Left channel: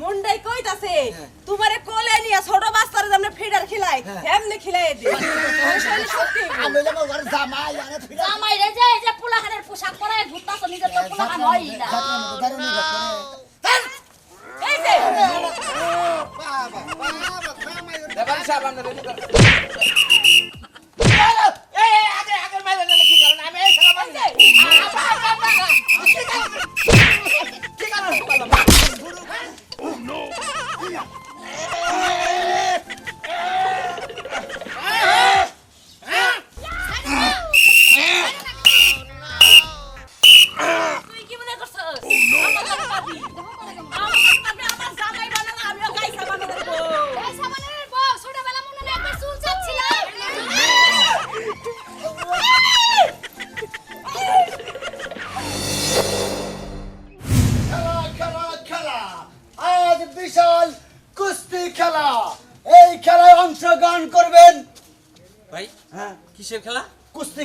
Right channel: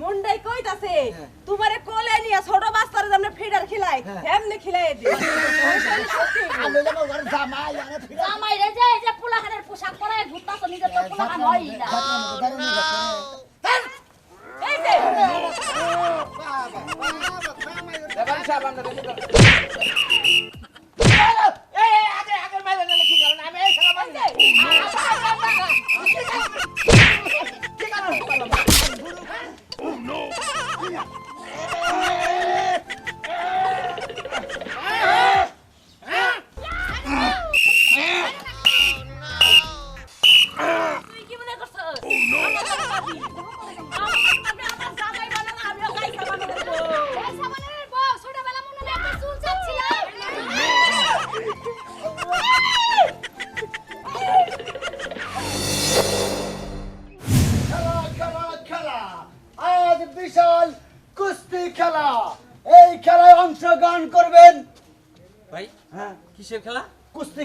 মুন্ডাই কইতাছে হ্যাঁ। তোমারে কোলে নিয়া ছোট বাচ্চারে যেমন ফিডার খিলাই হ্যাঁ। এমনি খিলাই দি জামাই রে যে যে পোলাহানের পোশাক পরায় ঘুরতাছ নিজের তো পোলাহান হই না এই যে বাবা বাবা আমরা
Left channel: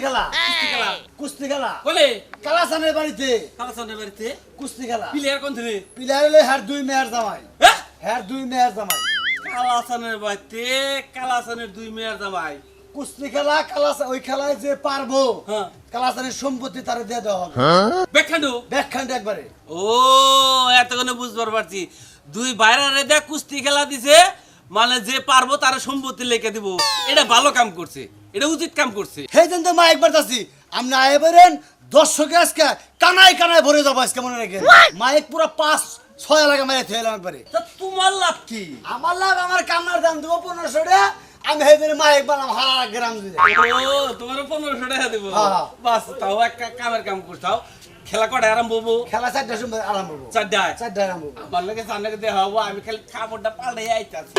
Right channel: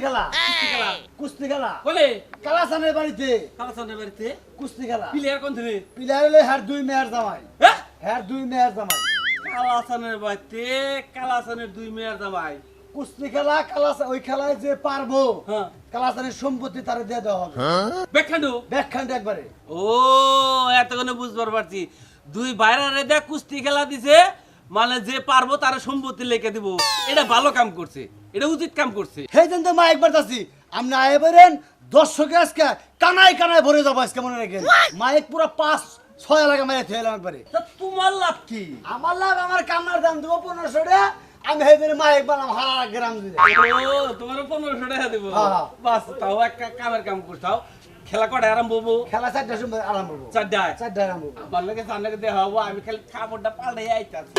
খেলা কুস্তি খেলা বলে? কালাসানের বাড়িতে। কালাসানের বাড়িতে? কুস্তি খেলা প্লেয়ার কোন দিনে প্লেয়ার হলে হ্যার দুই মেয়ার জামাই। হ্যাঁ হ্যার দুই মেয়ার জামাই। কালাসানের বাড়িতে কালাসানের দুই মেয়ের জামাই। কুস্তি খেলা কালাস ওই খেলায় যে পারব হ্যাঁ। কালাসানের সম্পত্তি তারে দিয়ে দেওয়া হবে। বেখান্ডু ব্যাখ্যানটা একবারে। ও এতক্ষণে বুঝবার পারছি। দুই বাইরে দেখ কুস্তি খেলা দিছে মানে যে পারব তার সম্পত্তি লেখে দিব। এটা ভালো কাম করছে এটা উচিত কাম করছে। মা একবার যাচ্ছি। আপনি আয় বেরেন দর্শকে আজকে কানায় কানায় ভরে যাব আজকে মনে রেখে মাইক পুরো পাঁচ ছয় এলাকা মাইরে থয়ে এলাম একবারে। তা তোমার লাভ কি? আমার লাভ আমার কামার দাম দেবো পনেরোশো টাকা। আমি সেই দিন মাইক বানাম হারা গ্রাম দিয়ে তোমার পনেরোশো টাকা দেবো। হ্যাঁ, হ্যাঁ। বাস তাও একটা কামের কাম করছাও খেলা কটা আরাম হব? খেলা চারটার সময় আরম্ভ হব। চারটায়? চারটায় আরম্ভ হব। আমার লাগে জানাকে দেওয়া হব আমি খালি খাবারটা পাল্টাই আইতাছি।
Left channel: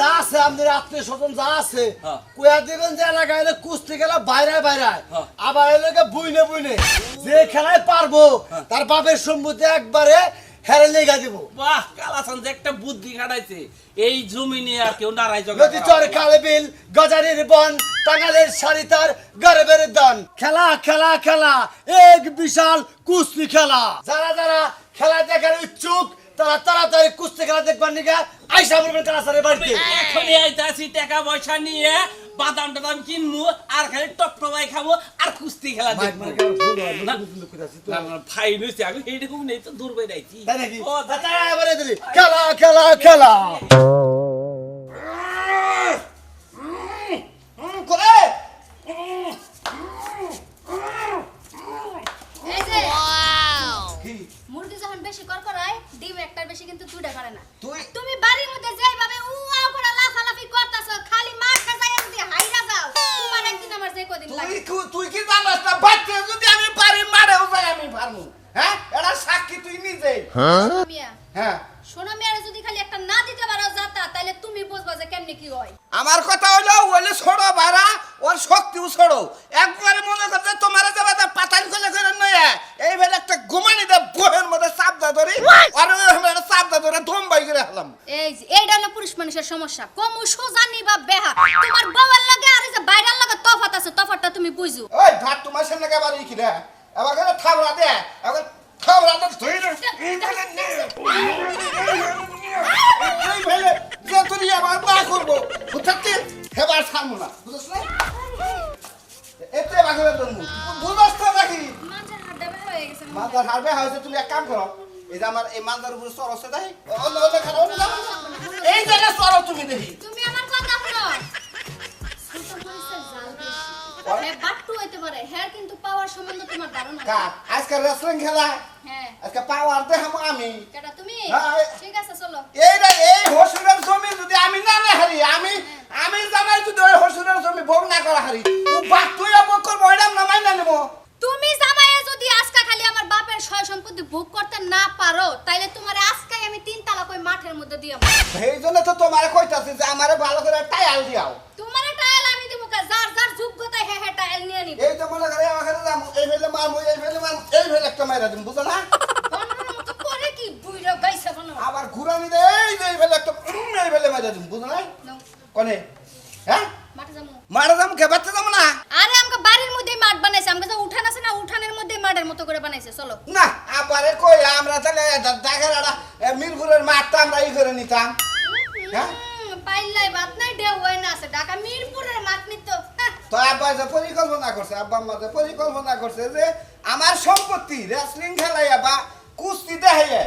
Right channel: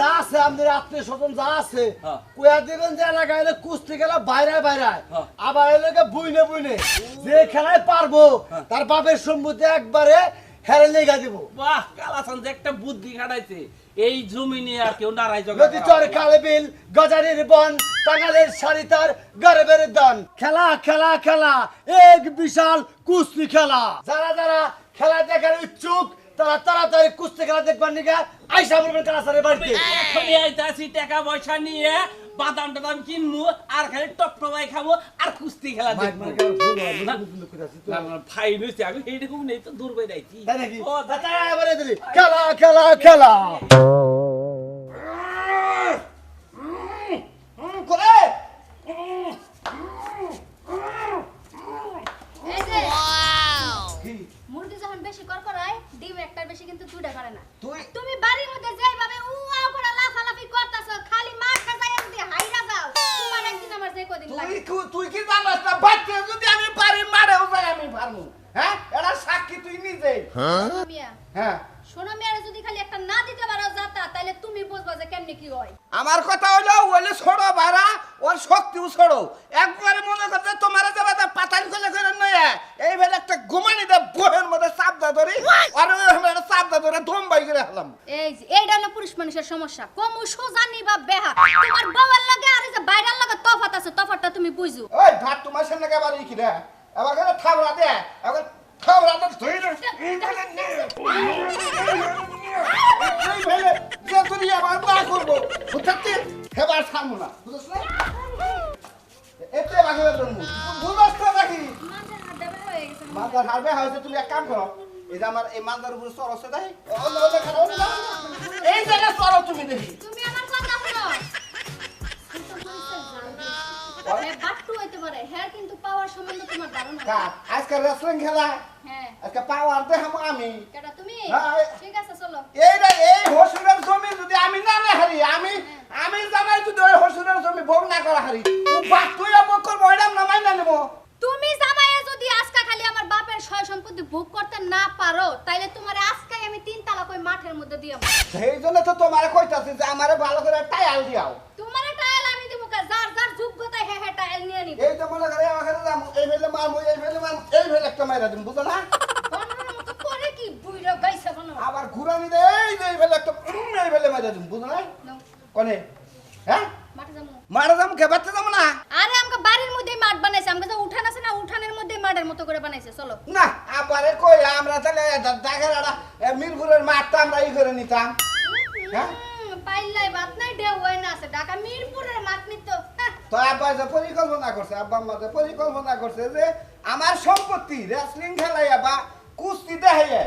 যা আছে আমাদের আত্মীয় স্বজন যা আছে কোয়া কুয়া দিবেন যে এলাকায় এলে কুস্তি খেলা বাইরে বাইরে হ্যাঁ। আবার এলাকা বুইনে বুইনে যে খেলায় পারব হ্যাঁ। তার বাপের সম্মতি একবারে হেরে লেগা দিব বাহ কালাসান যে একটা বুদ্ধি খাটাইছে। এই জমি নিয়ে আর কেউ নারাই জগা নদী চর খালে বিল গজারির বন টাঙ্গালের শাড়ি তার গর্বের দান। খেলা খেলা খেলা এক বিশাল কুস্তি খেলা। যারা যারা খেলা দেখার ইচ্ছুক তারা তাড়াতাড়ি কুস্তি খেলা দেখবার নিকা আইসা বলবেন কালাসারের বাড়িতে। এখনই আইতাছি টাকা পয়সা নিয়ে। বাদাম টাদাম কিনবো আর খালি টপ টপাই খাব আর কুস্তি খেলা দেখব হয়, আমি এইরকম নেই তো দূর বের আইছি খেলা খেলা খেলা করে এই যে মুরগি যখন বেশি কর করায় ডিম একটার বেশি কিন্তু দুইটা করে না তুই- তুমি বাড়ির মধ্যে যেইভাবে উআও করে লাফালাফি করতাছো খালি মার খাসায় যদি হাইরা যাও তোমার একদিন আমার যে কদিন তুই লাগে কি- তুই কি জানাস না বাচ্চা যদি আমি পারি মারেও যাই আমি পারব হ্যাঁ এটা সাক্ষী তুই নিজেই মিয়া হ্যাঁ? সোনা মিয়ারে যদি খালি একটা না দিতে পারো যাতা তাহলে তুমি বুঝবা যে কেমনে কি হয়। আমার কথা হলো ওলে ছোড়ো বাড়া ওর শক্তিও ছোড়ো। একবারে মনে করতে তোমার যাবে তা পাতাল করে করে নয় এই একটা ঘুমানি দে বহের মধ্যে চাপদা ধরি আর ওই চাপদা ধরে ধোমবাই করে হলাম এই যে এইটা হলো পুরুষ মানুষের সমস্যা। কম সোজানি বা বেহা তোমার বউয়ের লাগে আর যে বাইরের লাগে তফাত আছে তফাতটা তুমি বুঝো। ওই ভাত তোমার সামনে কেবার কি রে করো। এই যে আমার এই মালদার উপরে সর আছে তাই। এই জায়গায় সরো তুমি দেখি। তুমি আমার কথা শোনো। এ বাট্টু হইতে পারে হ্যাঁ কিন্তু পাওয়ার সম্বন্ধে তোমার ধারণা নেই। কার আজকে রেসলিং খেলা হ্যাঁ আজকে পাওয়ার দেখাবো আমি কেটা তুমি হ্যাঁ। ঠিক আছে চলো এই রে এই হসুরের জমি যদি আমি না না হারি আমি আমি জানাই যদি ওই হসুরের জমি ভোগ না করা হারি বাপ তুই ভোগ করব ওইটাম না মাইনা নেব তুমি জামাইয়ে যদি আজকা খালি আমার বাপের সয় সম্পত্তি ভোগ করতে না পারো তাইলে তোমার আজকাই আমি তিন তালাক ওই মাঠের মধ্যে দিয়ে সেই জন্য তো তোমার কইতাছি যে আমারে ভালো করে টায়াল দিয়াও তোমার টাইল আমি দিব কা যার যার যোগ্যতা হে হে টাইল নিয়ে নিব এই তো মনে করে আমাকে যাম এই ফেলে মারবো এই ফেলে মারবো এই ফেলে একটা মাইরা দিম বুঝো না বন্ধুর মতো করে কি বুইরা গাইছে বনো আবার ঘুরানি দে এই যে এই ফেলে একটা উম, এই ফেলে মাইরা দিম বুঝো না নাও, কনে হ্যাঁ মাঠে যাব মারা যাম কে বাচ্চা যাব না। আরে আমাকে বাড়ির মধ্যেই মাঠ বানাইছে আমাকে যে উঠান আছে না উঠানের মধ্যেই মাঠ মাঠের মতো করে বানাইছে চলো। না আবারে কই আমরা তাহলে দেখার মিরপুরের মাঠটা আমরা ই করে নিতাম। হ্যাঁ? পাইলাই বাত নাই ঢেউ হয় না আছে ঢাকা মিরপুরের মাঠ নিত তো। আব্বা যে পরিকল্পনা করছে আব্বা আম্মা যে পরিকল্পনা করছে যে আমার সম্পত্তি রেসলিং খেলাইয়া বা কুস্তি দেখাইয়া।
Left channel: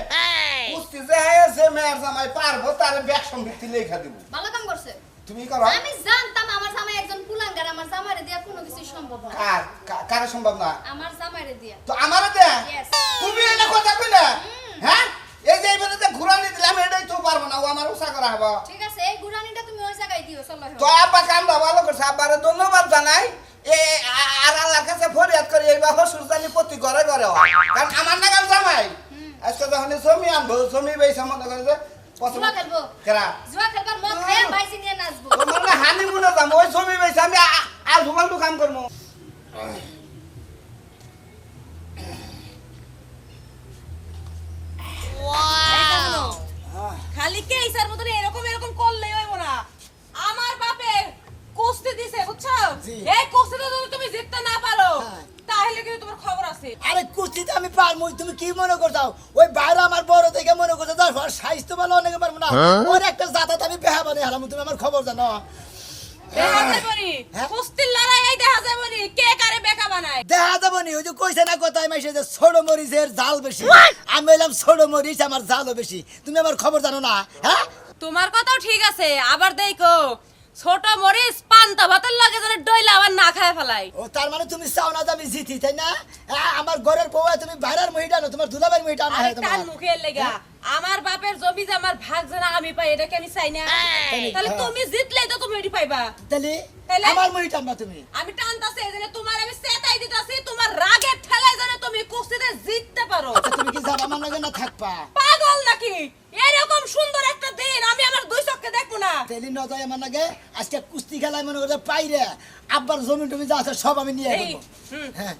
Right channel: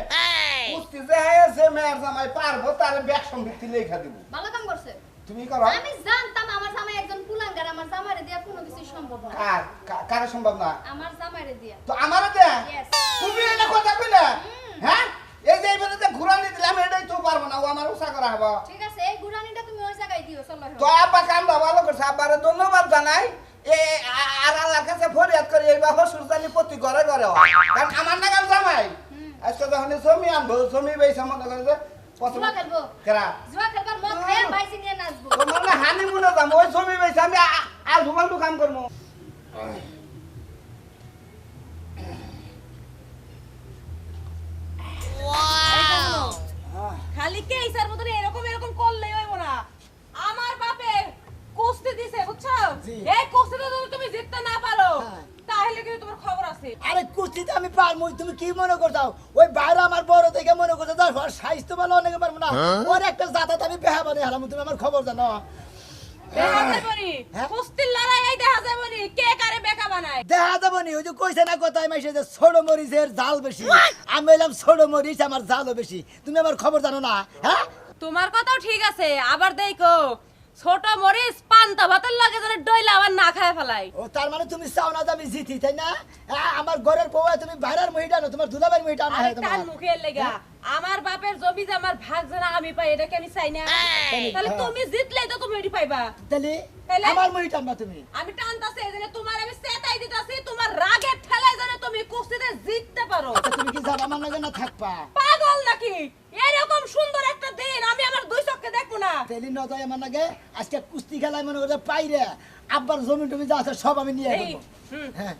কুস্তি দেখাইয়া যে মেয়ের জামাই পারব তার ব্যাগ সম্পত্তি লেখা দিব। ভালো কাম করছে। তুমি করো? আমি জানতাম আমার জামাই একজন কুলাঙ্গার আমার জামাইরে দিয়া কোনো কিছু সম্ভব না। কার কারে সম্ভব না? আমার জামাইরে দিয়া। তো আমারও দে. তুমি এটা কথা কইলে হ্যাঁ? এই যে এইবারে যে ঘুরানি দিলাম এটাই তো পারব না ও আমার উষা করা হব। ঠিক আছে এই গুরানিটা তুমি ওই জায়গায় দিও চলো তো আব্বা কামটা ভালো করছে আব্বারে ধন্যবাদ জানাই। এ আর আল্লাহর কাছে ফরিয়াদ করি এইবার হসুর জানি প্রতি ঘরে ঘরে কারণ আমার নাগাল জামাই। আজকে যখন জমি আনব জমি বেশি মনে করে জুয়া খেলব। কেরা? জুয়া খেলবার মদ খাইয়া বাইসি নিয়ে নাচবো। তোমার না হানি মুনে যাব ওই জমি বেশি আমি আর ভুমালটু কাম করব খালি কে ইসার মতন এরকম এরকম করলেই হইব না। আমার বাপে কুস্তি দিছে বুঝছ। এই কুস্তিতে যদি তুমি জিততে না পারো হ্যাঁ। তাহলে কিন্তু তোমার খবর আছে। আরে কুস্তিতে আমি পারব তুমি কি মনে করতাও ওই বাইরে আমার বড় থেকে মনে করতে তার স্বাস্থ্য ভালো অনেকে পারব না। ওর একটা জাতাত আমি বেহা বানে হারাম তুমি আমার খবর জানো? দেখা যাবনি? হ্যাঁ? কুস্তির লড়াই এই দেখা যাবনি? কে কারে বেকা বানায়? দেখা যাব নি ওই যে কইছে না কথায় মাইছে যে ছোট মরিচের জাল বেশি। আমি এলাম ছোট মরিচ আমার জালও বেশি। তুমি আমার খবর জানো না হ্যাঁ? তোমার কথাও ঠিক আছে আবার দেখো। ছোট মরিচ পান্তা ভাতের লাগে যেন ডইলা আবার না খায় ফেলাই। ও তার মানে তুমি চাও না যে আমি জিতি তাই না? আমার ঘরের বউ তুমি বাইরের মহিলা না তোমার দুলাবের মহিলা না আরে তোমার। মুখের লেগা। আমার বাপের জমি যে আমার ভাগ যেন আমি পাই এটা কি আমি চাই না। তাহলে হ্যাঁ। তুমি জিতলে তো তুমি এটি পাইবা। তাহলে তাহলে? আমার মহিলা না তুমি। আমি টানতাছি এই জন্য তোমার আমি সেটাই দিতাছি তোমার রাগের ঠেলায় যেন তুমি কুস্তিতে জিততে পারো। আচ্ছা, তুমি কি যাবা আমার লাগে না থাকবা? পাগল নাকি? এরকম সুন্দর একটা দিন আমি আমার দুই চোখে দেখব না। তেলি ন যায় আমার লাগে? আজকে কুস্তি খেলায় মনে করতে পাইরে আব্বার জমি টমি যা আছে সব আমি নিয়ে হুম। হ্যাঁ।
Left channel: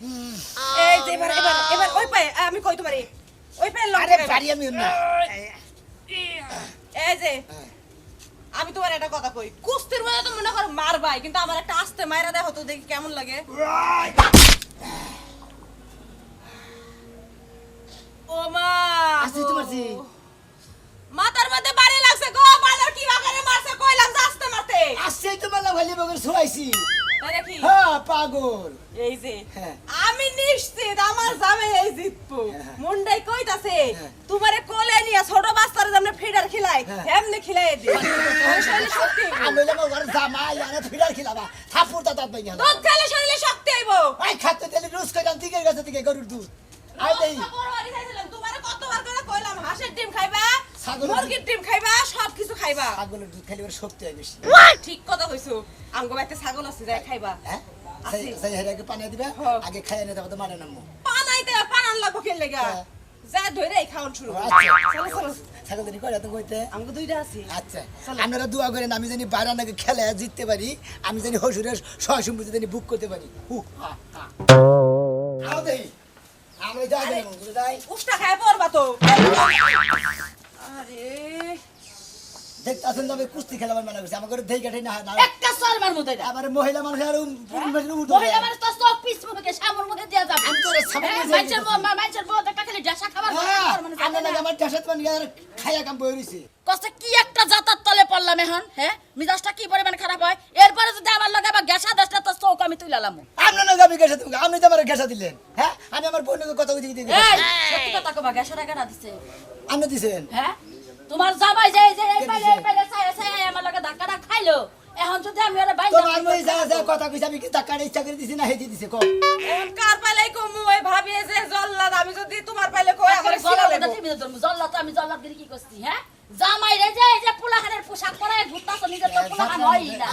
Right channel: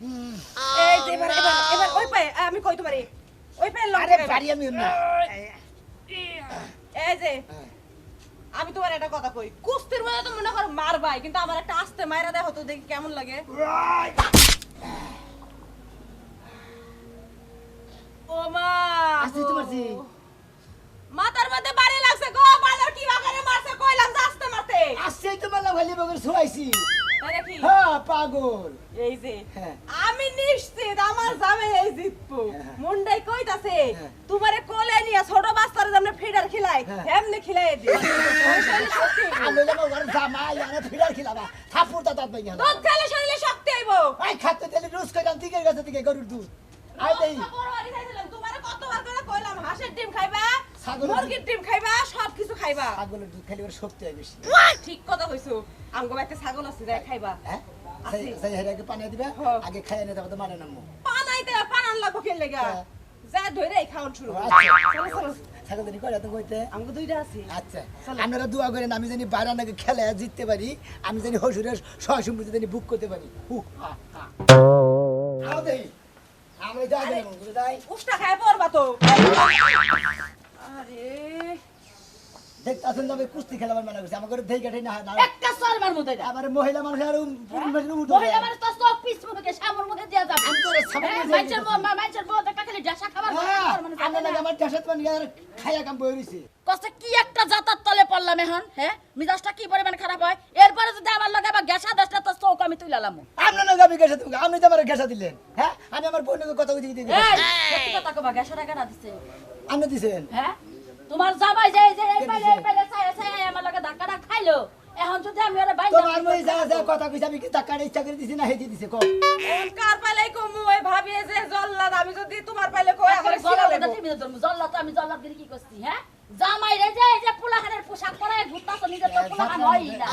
এই যে এবার এবার এবার ওই পায়ে আমি কই তোমারে ওই পায়ে লং আরে বাড়ি আমি না এই যে আমি তোমার একটা কথা কই কুস্তির মধ্যে তো মনে করো মারবাই কিন্তু আমার একটা আস্তে মাইরা দেখো তো দেখি কেমন লাগে। ও মা আসি তোমার জি। মাথার মধ্যে বাড়ি লাগছে গো বাজার কি বাগানে মারছে কইলাম আস্তে মারতে। আসছে তো মেলা ভালি বগর শুয়াইছি। হ্যাঁ পাগল। এই যে হ্যাঁ। আমি নিশ্চিত আমার জামাই এই জিতবো। হ্যাঁ। মুন্ডাই কইতাছে হ্যাঁ। তোমারে কোলে নিয়ে ছোট বাচ্চারে যেমন ফিডার খিলাই হ্যাঁ। এমনি খিলাই দি আমি লোক ঘর জামাই আরে ফিরার খিলাবা। থাপুর তা তাত বাইয়া দুধ খেলে শরীরে শক্তি আইব আই খাতে তেলি রোজ কইলাম দিকে গেছে দিকে গরুর দুধ। আই দেই। তোমারে কতবার করে কইলাম হাঁসের ডিম খাইবা মুরগির ডিম খাইবা সব কিছু খাইবা। ছাগলের দুধ ওর শক্তি হয় বেশি। ঠিক কথা কইছো। আমগো বাড়িতে ছাগল আছে যাই খাইবা। হ্যাঁ। সেই হেরাকে পানি দিবে। আগে নামো পানান লাগবো লাগা। যা ধরে শুরু। আচ্ছা। করে তো কইতে দুইটা আছে। আচ্ছা। আপনারা দোয়া করেন আমি জানি বাইরে নাকি খেলে জিততে পারি আমি জানি হসুরের সহ সম্পত্তি জানি বুক করতে পারি। হু হা হা। আও দেই। আমি যাই যাই। উষ্টা খায় পড়বা তো। দেখতাছেন যাবে কুস্তি খেলাবার মানা করছে। দেই না না একটা না মহিলা মানুষ আর মহিলা মানুষ তো মুখে সামর যাবে। আমি তো সামনে হ্যাঁ। বউ- বউ খালি ডেসা খাবার হ্যাঁ আমার জানে লাগে না। আমার দেশত খাইয়া কাম বই রইছে। কষ্ট কি একটা জাতার তলে পড়লাম এখন হ্যাঁ? মিজাজটা কি পরিমাণ খারাপ হয়? এরপরে যদি আমার লগে আবার গ্যাসা দেশটা তো চৌক আমি তুইলালাম আপনার নাকি আমি গেছে তুমি আপনি তো আমার দিলেন হ্যাঁ? আমি আমার বোনকে কথা বুঝিয়ে কথা কবা গ্যাসাটা কেনা দিছে। আপনি দিছেন? হ্যাঁ? তোমার জামাই যে যে এই কে পাইলে? এই পাইলে চাই চাই আমার লগে ধাক্কাটা খাইলো। এখন যদি আমি ওরে বাইন্দা তোমার মই যা যা কথা কইছে আমি কি টাকা ইচ্ছা করে দিছি না হেদি দিছে? কম কার পাইলাই কমু ওই ভাবি যে জল্লাদ আমি যদি তোমার পাইলে কই আমার জল্লাদ ধরবো জল্লাদ আমি জল্লাদ গিরি কি করছি হ্যাঁ? জামাই রে যে এই যে পোলাখানের পোশাক পরে ঘুরতাছ নিজে তো পোলাখান হই না।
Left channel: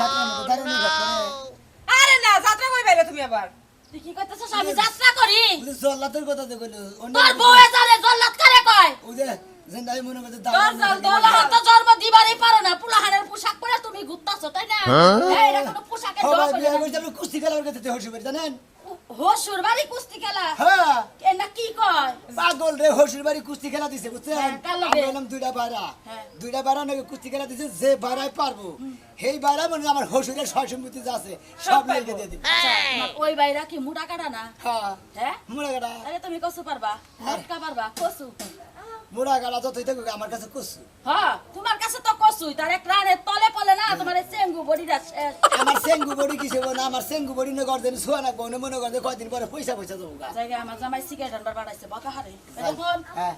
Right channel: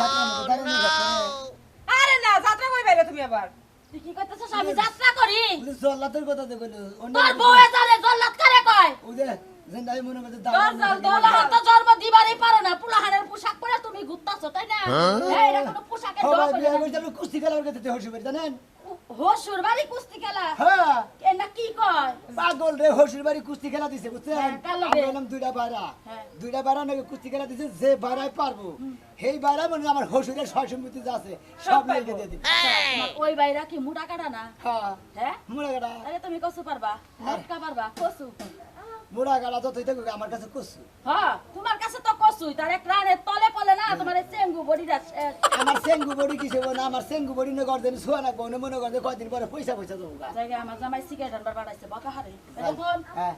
আরে না যাত্রা কই পাইলে তুমি আবার? তুই কি করতেছিস? আমি যাত্রা করি। জল্লাতের কথা তো কইলো তোর বউয়ে জানে জল্লাদ কারে কয়? ও মনে করতে জন্ম দিবারই পারো না। পোলাহানের পোশাক পরে তুমি ঘুরতাছো তাই না? এই, এটা কোনো পোশাকের না। কুস্তি খেলার হসি জানেন? হসুর বাড়ি কুস্তি খেলা? হ্যাঁ। না কি কয়? পাগল রে হসির বাড়ি কুস্তি খেলা দিছে বুঝছেন? হ্যাঁ, দুইটা হ্যাঁ। দুইটা বাইরা নাকি কুস্তি খেলা দিছে যে বাইরাই পারব। সেই বাইরা মানে আমার হসুরের সয় সম্পত্তি আছে সব লেগে দিয়ে দিবে। ওই বাইরা কি মুড়া কাটা না? হ্যাঁ। মুড়া কাটা। আরে তুমি কসু পারবা মটকা পারবা কসু মুড়া থাকুক আমার কাছে কুসু হ্যাঁ তোমার কাছে তো কসুই তার এক রানের তলে পলে না তোমার চেঙ্গু বডিটা আমার সেঙ্গু বড়ি কিসে না আমার সেঙ্গু বড়ি না করতেন শোয়া না কোনে মনে করতে কয়দিন পরে পয়সা পয়সা দেবো গা। জায়গায় আমার জামাই সিগারেট আনবার বাড়াইছে বকা হারে। এখন হ্যাঁ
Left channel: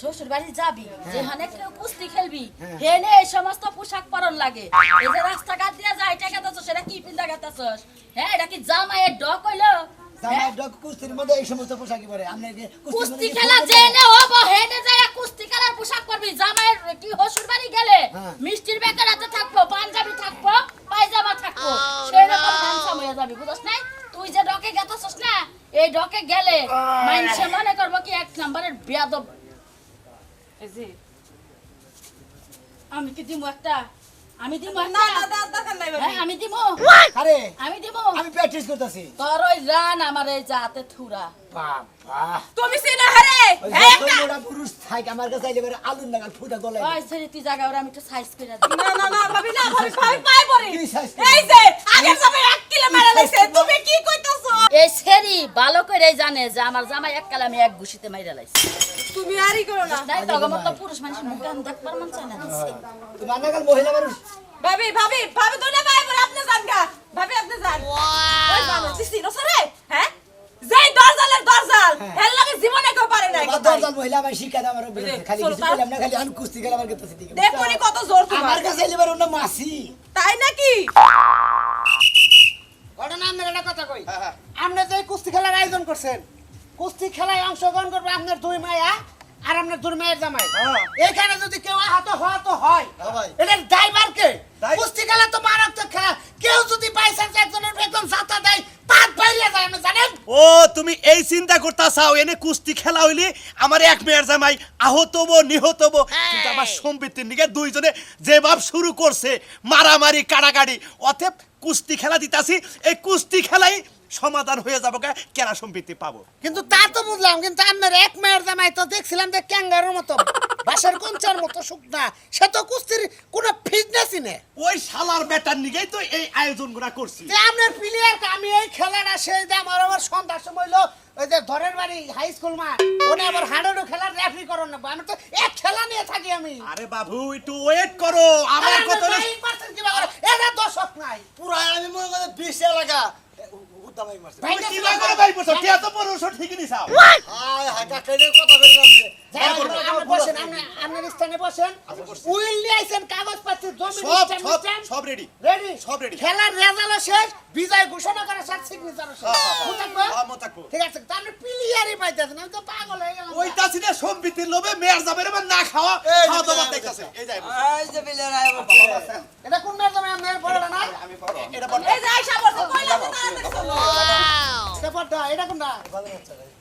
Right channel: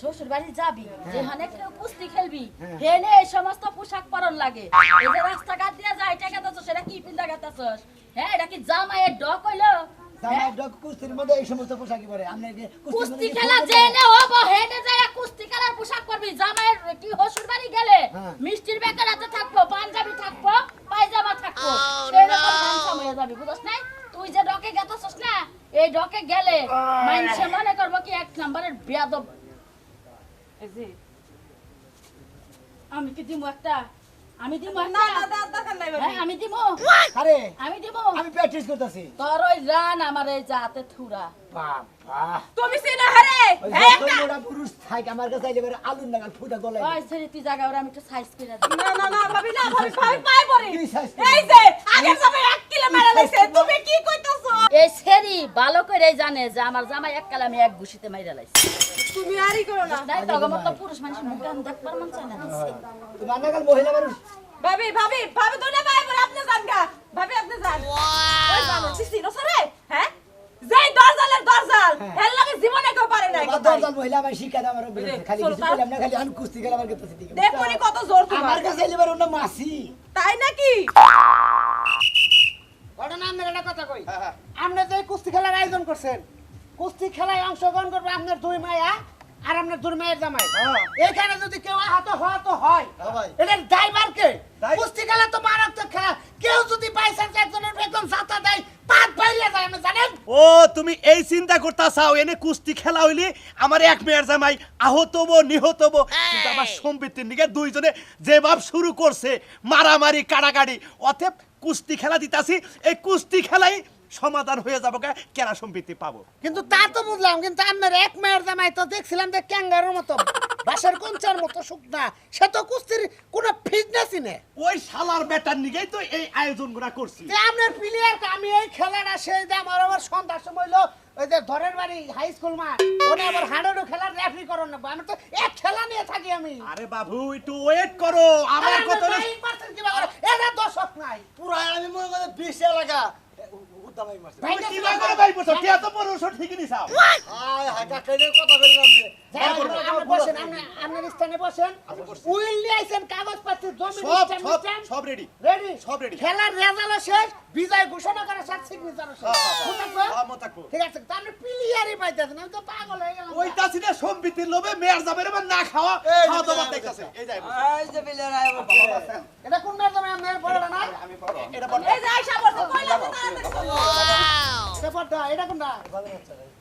শ্বশুর বাড়ি যাবি যেখানে কেউ কুস্তি খেলবি হ্যাঁ। হেনে এই সমস্ত পোশাক পরন লাগে। এই যে রাস্তাঘাট দিয়ে যায় টাকা তো সেটা কি পিন্দা হ্যাঁ এটা কি জামাইয়ের ডক হইল? হ্যাঁ? ডক কুস্তির মধ্যে এই সমস্ত পোশাকই পরে। কি কুস্তি খেলা জেনে হব হেনে যায় কুস্তি খেলার পোশাক পরবি। জামাইয়ের কি হসুর বাড়ি গেলে হ্যাঁ। মিষ্টির বেকার হাতে থাকব পাঞ্জাবি থাকব পায়জামা থাকব। সেটা তো হ্যান্ডসাম হয়ে যাবি বুঝছ যে ডকে গেছস না? এই ডকে গেলে মানুষে মনে করব কি এক নম্বরের বেয়াদব। আমি কি দিমু একটা? আমি দিমু না একটা? না দা- দরকার নাই হ্যাঁ আমি দিমু। আরে আমি দিমু। আমি প্র্যাকটিস করতেছি। তোর ওই রান আমার এই জাতে থুরা। বাবা। তুমি চিনো হারে? ওই মোটা পুরুষ থাক আমার কাছে আইলে পরে আলুর নাগাল ফুটা গলায় ওই ছেড়ে তুই জায়গা ওরা আমি একটু সাইজ করে দিই। না না না ভাবি না ভাবি ভাবি পাই পড়ে। কি size করে? এই যে আগের সময় এক কিলো মেরে লাইছে তুমি কি কইতাছো? এই ছেড়ি ভালো করে জানে যে আমার জামাই এক কালে আমি এক ঘুষিতে মাইরা লাইছি। তুমি আরই করো না। তাই তো আমার পুরুষ মানুষ মুখ গান দেখবার মন চায় না। তোমার নাগাল মহিলা মানুষ। ভাবি ভাবি ভাবি তো না মহিলা আমার শিক্ষা দেয় আমার খালি কিছু। বললাম না খালি আমি কুস্তি আমার কাছে দেখুনি কত জোর তোমার। আমার কাছে এলিবার অন্য মাসি। তাই নাকি? ঘটনা আপনার একটা কথা কই? আপনি যে কুস্তি খেলার আয়োজন করছেন কুস্তি খেলায় অংশগ্রহণ করবে আপনার দুই মায়া আর আপনার দুই জামাই। এখানে যদি কেউ আহত হওয়া তো হয়। হ্যাঁ এটার ড্রাইভার কে কুস্তি খেলা তো মারাত্মক খেলা। কেউ যদি বাইসান্স একজনের একদম সাথা দেয় পাত বাইরে যায় আপনি জানেন? ও তুমি এই চিন্তা করতা চাও এনে কুস্তি খেলা হইলে? আমার এক মেয়ের জামাই আহত হব নিহত হব। কিন্তু আমার সম্পত্তির নিকে দুইজনে যে ভাব শুরু করছে মারামারি কাড়াকাড়ি অতএব কুস্তি খেলা দিতাছি। এই কুস্তি খেলাই সমাধান হয়ে যাব কে? কেরা সম্পত্তি পাবো? কিন্তু তা তো বুঝলাম কিন্তু আপনার এক মায়ের জামাই তো দেখছিলাম যে ক্যাঙ্গারুর মতো বাসার কঞ্চার মতো শুকনা সে তো কুস্তির কোনো ফিটনেসই নেই। ওই শালার বেটার নিকেই তো এই আয়োজনগুলা করছি যে আপনার প্লেয়ার আমি এই খেলাটা সেই যে আমার সন্ধ্যার সময় হলো ওই যে ধরের বাড়ি হাই স্কুল মা ওনে আবার খেলার রেফারি করো না আমি তো এক খেলা নিয়ে থাকি আমি। আরে বাবু একটু ওয়েট করো আমার কত করে, দর্শক নাই। পুরো আমি মনে করি বিশ এলাকা উদ্দামাই মারছে। ভাই, কি না। করে ভাই বসো টিয়া তো পনেরোশো ঠিকই নিছাও আয় হায় কাকা এর কথা হোক, আমরা- আমরা বসেন, আমরা- আপনার স্থানে বসেন। উইল নিয়ে আইছেন কাগজ পাচ্ছি জমি সব সব। সব রেডি রেডি সব ready। খেলার রেজাল্ট শেষ বিজয় ঘোষণা করার সাথে সিগনেচার শেষ। বুঝতে হ্যাঁ, মত থাকব। ঠিক আছে তাহলে প্লেয়ারই পাইতেছেন আমি তো পাগল হয়ে গেলাম। লোভে মেয়ের যাবে না খাওয়া এই খাওয়া যে দাওয়া মেয়ের দেখতেছে। এই যাই এটা কোন আমি আপনার বড় না? এটা বল এই কইলা তো তারা দেখছ এটা পড়টা এটা কোনটা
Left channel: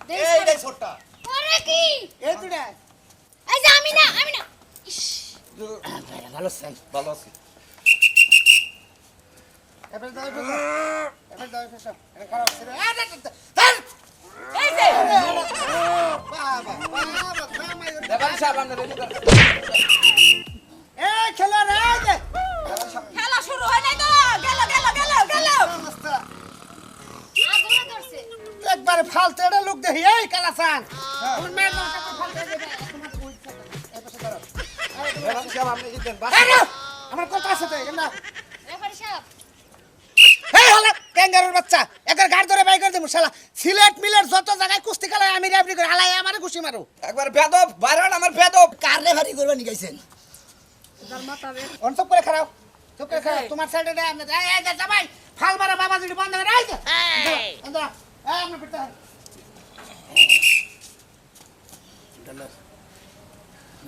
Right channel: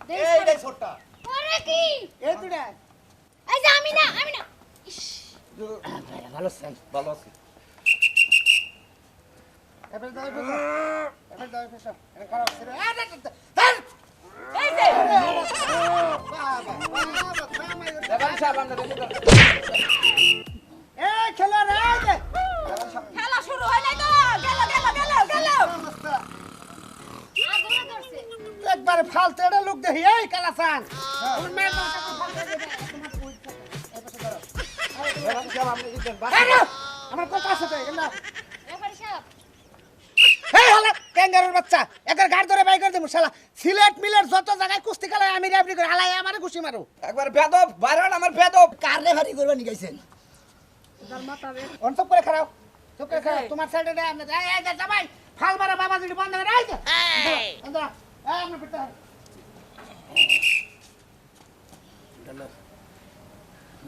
এই এই ছোটটা ওরে কি এই দুটা এই যে আমি না আমি না ইস, ভালো সেন ভালো আছে এবার দাও এবার দাও। দাও। এটা খারাপ ছিল। এই দে, দে, দে। ধ্যার! এই রে, আমার কথা আছে ক্যাঙ্গারুর বাচ্চা। এদের গাড় ধরে বাই করে দেবো শালা। সিলেট মিলের যত জায়গায় কুস্তি খেলায় আমি রেফারি করে হালাই আমারে ঘুষি মারো। একবার বেদব বাইরান আমার বেদব। কার রেফারি করবে নি গাইছেন? অন করে খারাপ চুপ করে খারাপ তোমার সাইডে দে আপনি এই এই যা ভাই ফাল মারা বাবা যদি বন্ধ করে এই যে। এই। আপনি পিটা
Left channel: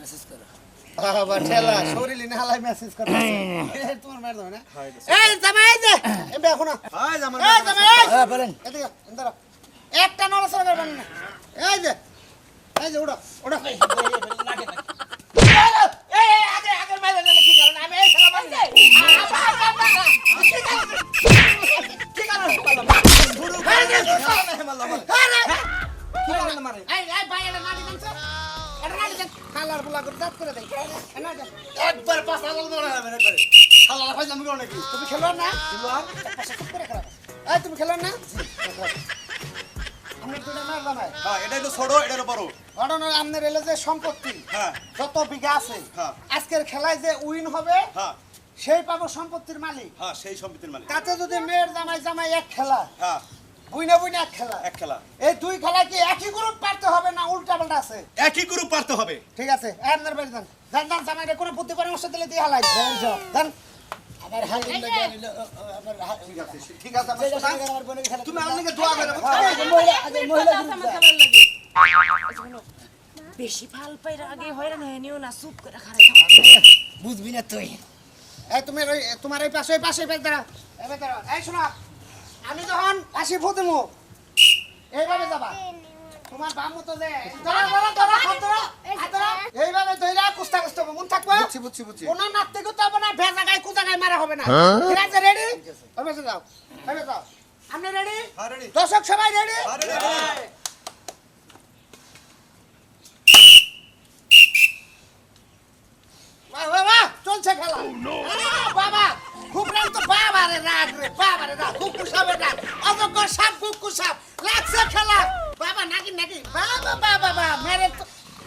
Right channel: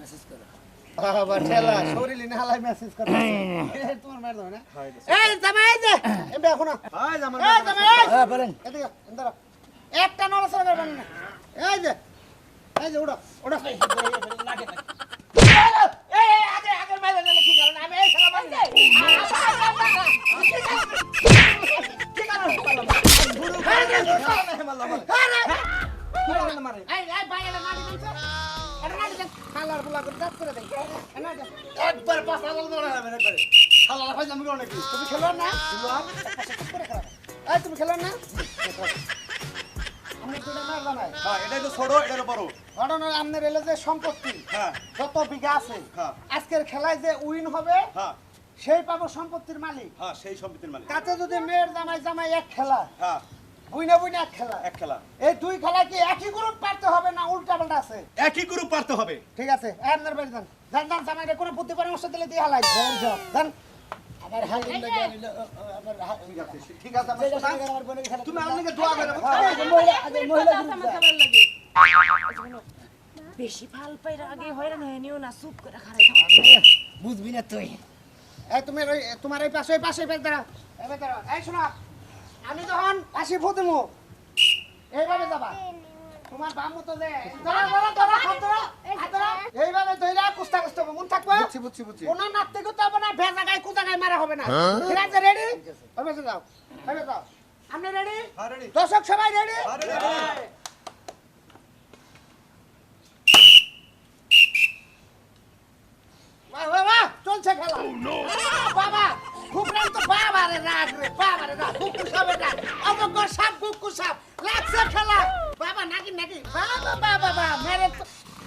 মেসেজ করো। বাবা ঠেলা শরীর ইনে হালাই মেসেজ করে এই তোমার মার দাও না? এই জামাই এই যে এমবে এখন আয় জামান এই জামাই হ্যাঁ বলেন। এদিকে এন্দা একটা নড়াচড়া করবেন না। এই যে এই যে উড়ো উড়ো এটাই তো ছোট এটার বড় ঘটনা আপনার এলে যে সম্পত্তি হ্যাঁ। যত বিঘা আছে হ্যাঁ। আজকের খেলায় যে উইন হবে হ্যাঁ। সেই পাবো সম্পত্তির মালিক। হ্যাঁ সেই সম্পত্তির মালিক। তাতে যদি মেয়ের জামাই জামাই এক খেলা হ্যাঁ। বুইনা বুইনা এক খেলা এক খেলা। এই দুই খেলা কি একই গ্রুপ পারতে হবে না উল্টা পাল্টা আছে? একই গ্রুপ পারতে হবে। ঠিক আছে আপনার বাড়ি যান। যান যান জামাইরে কোনো বুদ্ধি পরামর্শ দিলে দিয়ে হালাই। যান। বেশি ফাল পাইরা আগে হয়রান হয়ে নিও না চুপ করে খারাই বুঝবি না তুই। এই তুমি তোমার এই পাশে ওই পাশে পাশে দাঁড়াও। এই পাশে দাঁড়াও। এই শোনা আমি যখন আসি ফুতিমু এইভাবে যাবা। তোমার বাম মতো যে ধরো ধরো ধরো হাত ধরো হাত ধরো। এইভাবে ধইরা কুস্তা কুস্তা মন থাকবে? বুঝছি বুঝছি বুঝছি। কোনো নাচতে করতে হবে না ভেজা গায়ে কুজা গায়ে মারা হবে না। ঠিক আছে রেডি পাশে যাও ওই যাও আপনি রেডি হ্যাঁ দর্শক সবাই রেডি হ্যাঁ বাহ বাহ চলছে খেলা। বাবা রাগ তো বাবা রে রাগ রে বাবা রে রাগ কুকু সাপের রাগ অযোগ্য সাপ কুকু সাপ লাগছে খেলা বাবা নাকি নাকি বাবা বাবা বাবা মেরে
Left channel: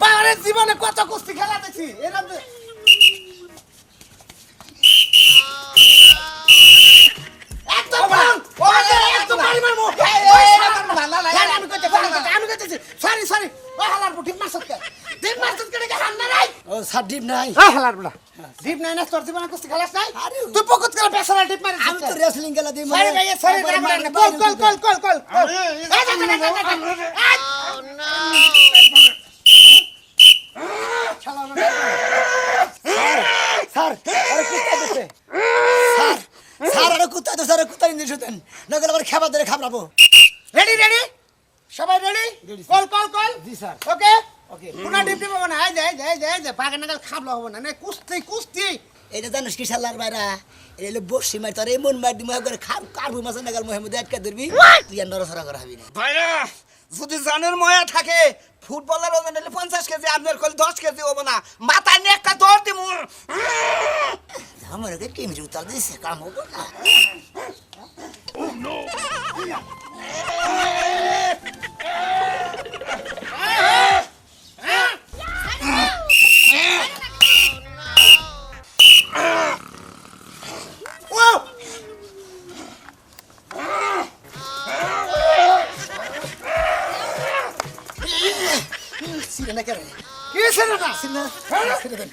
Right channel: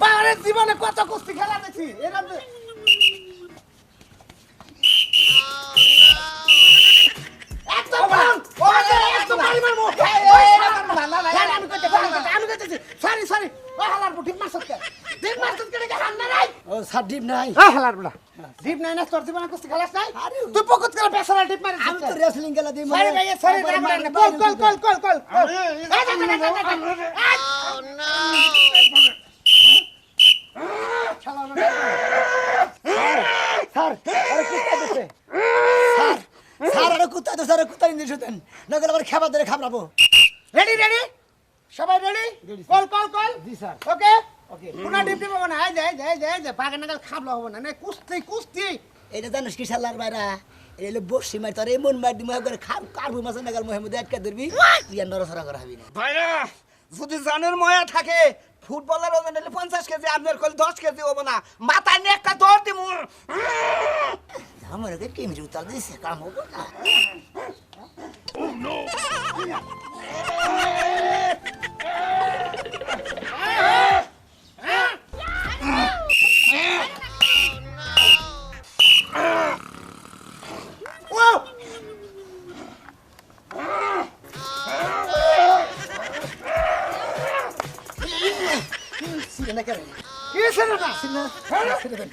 বাবার জীবনে কত কুস্তি খেলা দেখছি এরকম বল! Sorry, sorry. ও হালার বুড়ি, মারছত কে? ঠিক মারছত কে হান্না নাই? ও সার ডিপ নাই এই হালার বুড়া। ডিপ নাই না, তোর জীবনে কুস্তি খেলাস নাই? তুই পকেট করে বেচারা ডিপ মারিস আমি তো? রেসলিং খেলা দিই রাগ না। Call, call, call, call, call, call. না। স্যার আরে কুত্তা দিছে স্যার স্যার আরে কুত্তা কুত্তা আবার খাবার ধরে খাবরাবো রেডি রেডি সবাই রেডি. কল কল কল জি স্যার ওকে ওকে পুনা ডিপ ডিপ না? এই যে এই যে এই যে বাগান নাগাল খাবলা হবে না। কুস্তি কুস্তি। এটা জানিস কি শালার বাইরা এটা হলো বসি মার তোর এমন মার দিমা করে খাব কারবু মাছ নাগাল মহেমুদে আটকা ধরবি। তুই আর নরসরা করা হবি না। ভাইরা যদি জানের ময়া থাকে ফুটবলের ওজন হলে পঞ্চাশ কেজি আপনার কল দশ কেজি হব না। মাথায় নিয়ে একটা দৌড় দিব আমার ওকে কেমনি উত্তর দিছে কাম হব না। সিরে না কেন? কি ছিল না। সিরে দেন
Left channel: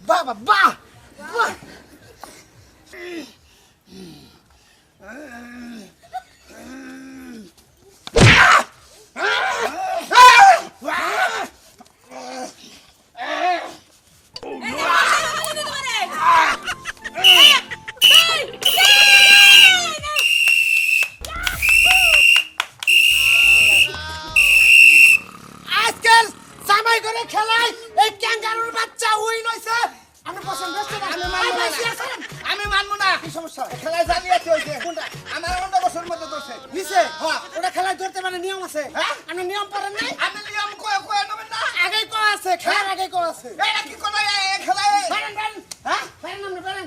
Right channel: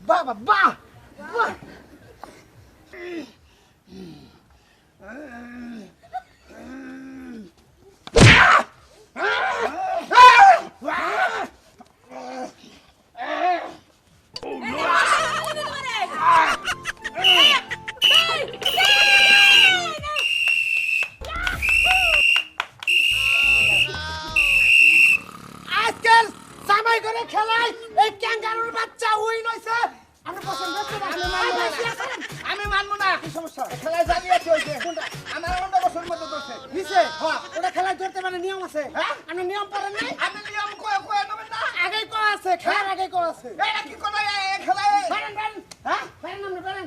বাবা বা না না আজকাল জামাই করে খেলায় এই ক্যাঙ্গারুর বাচ্চা উইন হইছে। আমি পছন্দ করছি আমি মানবো না। আমি মানবো না। কি সমস্যা? খেলায় জানিয়েছে হইছে। কোনটা? আমার অন্য বছর মধ্যে ধরছে। নিছে হ্যাঁ। ওটা খেলায় ধরতে মানে নিয়ম আছে। হ্যাঁ? আমি নিয়ম পারেন নাই? আমি নিয়ম কয়ে কয়ে নেবেন না। আগেই কো আছে খেলার আগে কো আছে। এটা কি এই খেলায়? পারেন পারেন হ্যাঁ? পারেন আপনি পারেন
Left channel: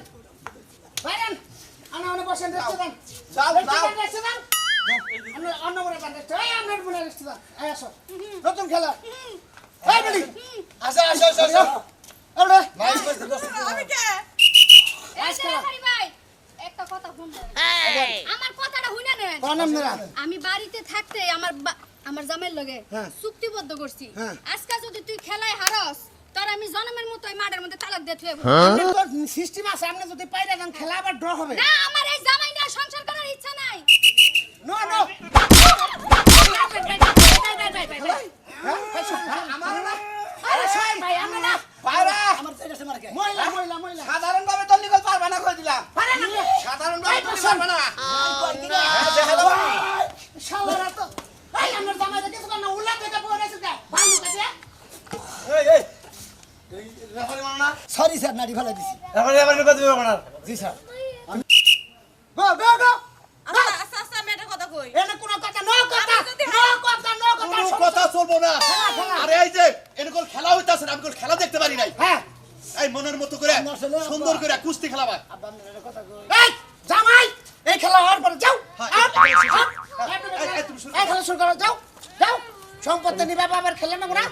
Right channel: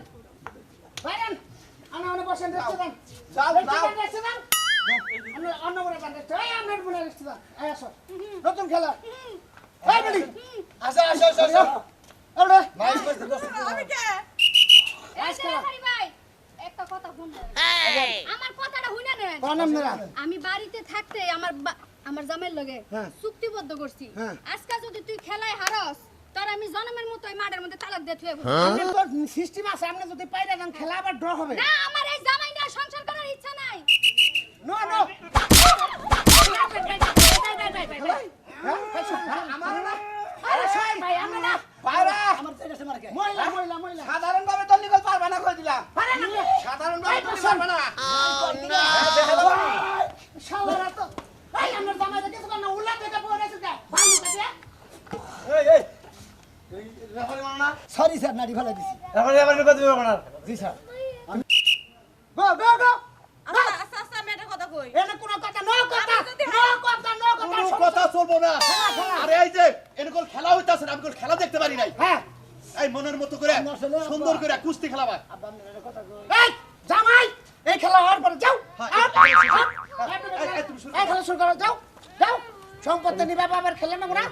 পারেন আমি অন্য বসেন রেস্টে দেন যাও, যাও। রেস্টে দেন অন্য দেন রেস্টে এই আপনার রেস্টে দেন এই আসো। নতুন খেলা। এই বলি। আসো আসো আসো আসো। আমরা মাইক করতে বসো আমি কে? এই ভাই, একটা কথা। আমার কথাটা শুনে নেন? আমি বাড়িতে থাকতে আমার বা- আমার জামাইয়ের লগে হ্যাঁ। চুক্তিবদ্ধ করছি। হ্যাঁ। আজকে যদি তুই খেলায় হারস তোর আমি জন্মের মতো এই মাঠের মধ্যে তালাক দিয়ে থুয়ে সিস্টেম আছে আপনি যদি পাইরা যান খেলা আবার ড্র হবে। না আমার এই জামাই নিয়ে সংসার করার ইচ্ছা নাই। নো নো আমার না আরে সোহেল ভাই আমরা না ভাইরা আমার তো এটা মার্কে মহিলা মহিলা মহিলা। সাধারণ ভাবে তো নিকল পারবে না কই দিলাম? পারে সাধারণ ভাবে তো পারবে না। শালারা তো এই আমার জামাই দেখে না? উল্লা থেকে পড়ে এসে যায় ভাই এই এই। সরি স্যার নাড়ি ফেলা দিছি। গো গো গো। কই। এনে কোনো কথা নো কথা আমি নো কথা নো কথা কোনো কথা চলবো না। খেলা। আরে এই যে এরকম খেলা হইতাছে আমি কোনো খেলা দেখতে পারি নাই। হ্যাঁ। এই মনের মতো করে সুন্দর করে কুস্তি খেলাবা আব্বা কথা কই। এই জামাই এই খেলা হওয়ার পরে যাও। হ্যাঁ, আউট, এই- এই খেলা শুরু করো যাও যাও। সম্পত্তি নিবে বাবার খেলে না।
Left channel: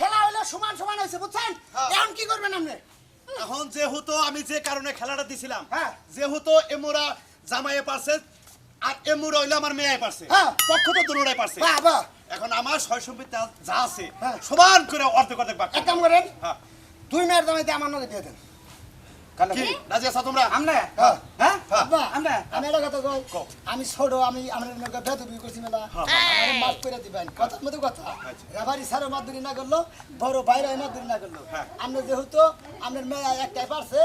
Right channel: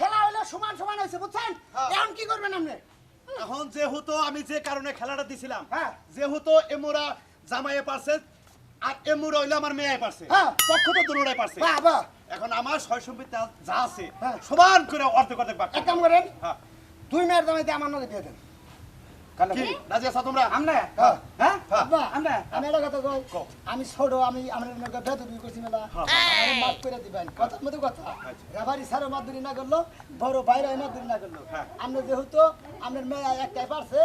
খেলা হইলে সমান সমান হয়েছে বুঝছেন এখন কি করবেন আপনি এখন যেহেতু আমি যে কারণে খেলাটা দিছিলাম হ্যাঁ। যেহেতু এমোরা জামাইয়ে পারছে আর এমুরা হইল আমার মেয়ে পারছে হ্যাঁ। পক্ষ তো দুনোরাই পারছে এখন আমার সয় সম্পত্তি যা আছে হ্যাঁ। সমান করে অর্ধেক অর্ধেক ভাগ এক কাম করেন হ্যাঁ। দুই মেয়ের দামাইতে আমার নদী দিয়ে দেন আমি কথা কই কও। আমি ছোট আমি আমার নৌকা করছি মেলা। হ্যাঁ। মাফ করে দিবেন। কথার মধ্যে কথা। রাবারি সারো মাদুরি না করল বড় বাইরে মাদুরি না করল। হ্যাঁ। আমরা যেহেতু আপনার মেয়ে একটাই পারছে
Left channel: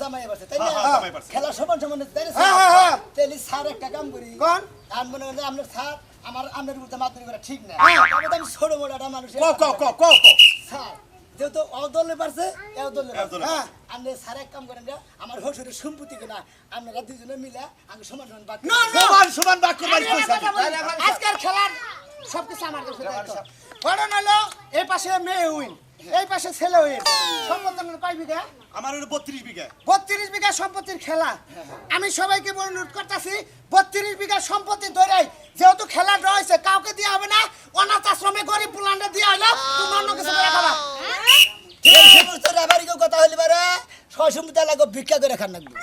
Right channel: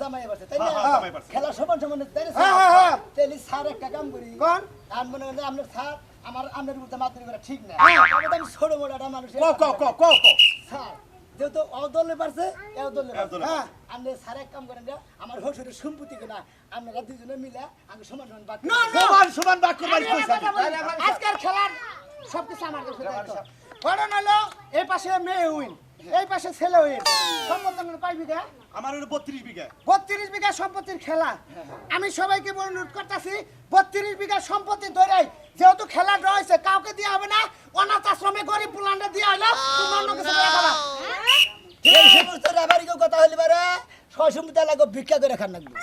জামাই তাই হ্যাঁ, না হ্যাঁ। খেলা সমান সমান তাই না? হ্যাঁ, হ্যাঁ, হ্যাঁ। তাইলে স্যার একটা কাম করি। কোন? আর মনে করেন আপনার স্যার আমার আপনার মাদুরি করা ঠিক না। হ্যাঁ। আমি ছোট মোটা মানুষ স্যার। যেহেতু অদলে পারছে এও দলে এও দলে হ্যাঁ আপনি এক কাম করেন যে আমার হসুরের সম্পত্তি কিনা আপনারা দুজনে মিলে আমি সমান সমান বাকি না, না। সমান সমান বলি, আজকের খেলার সবকিছু আমার কাছে দায়িত্ব। হলো এই পাশে মেয়ে উইন। এই পাশে ছেলে উইন সম্পত্তি আমার কয় বিঘা? আমার হলো বত্রিশ বিঘা। বত্রিশ বিঘা সম্পত্তির খেলা। আমি সবাইকে অনুরোধ করতেছি বত্রিশ বিঘা সম্পত্তি ধরে যেহেতু খেলা রয়েছে কাউকে দেওয়া হবে না। অনাথ আশ্রমে গরিব পুলান্ডে দেওয়া হলো। কথা হইলে পারে ছয় সম্পত্তি লাগবে ভিক্ষা করে খান লাগবে।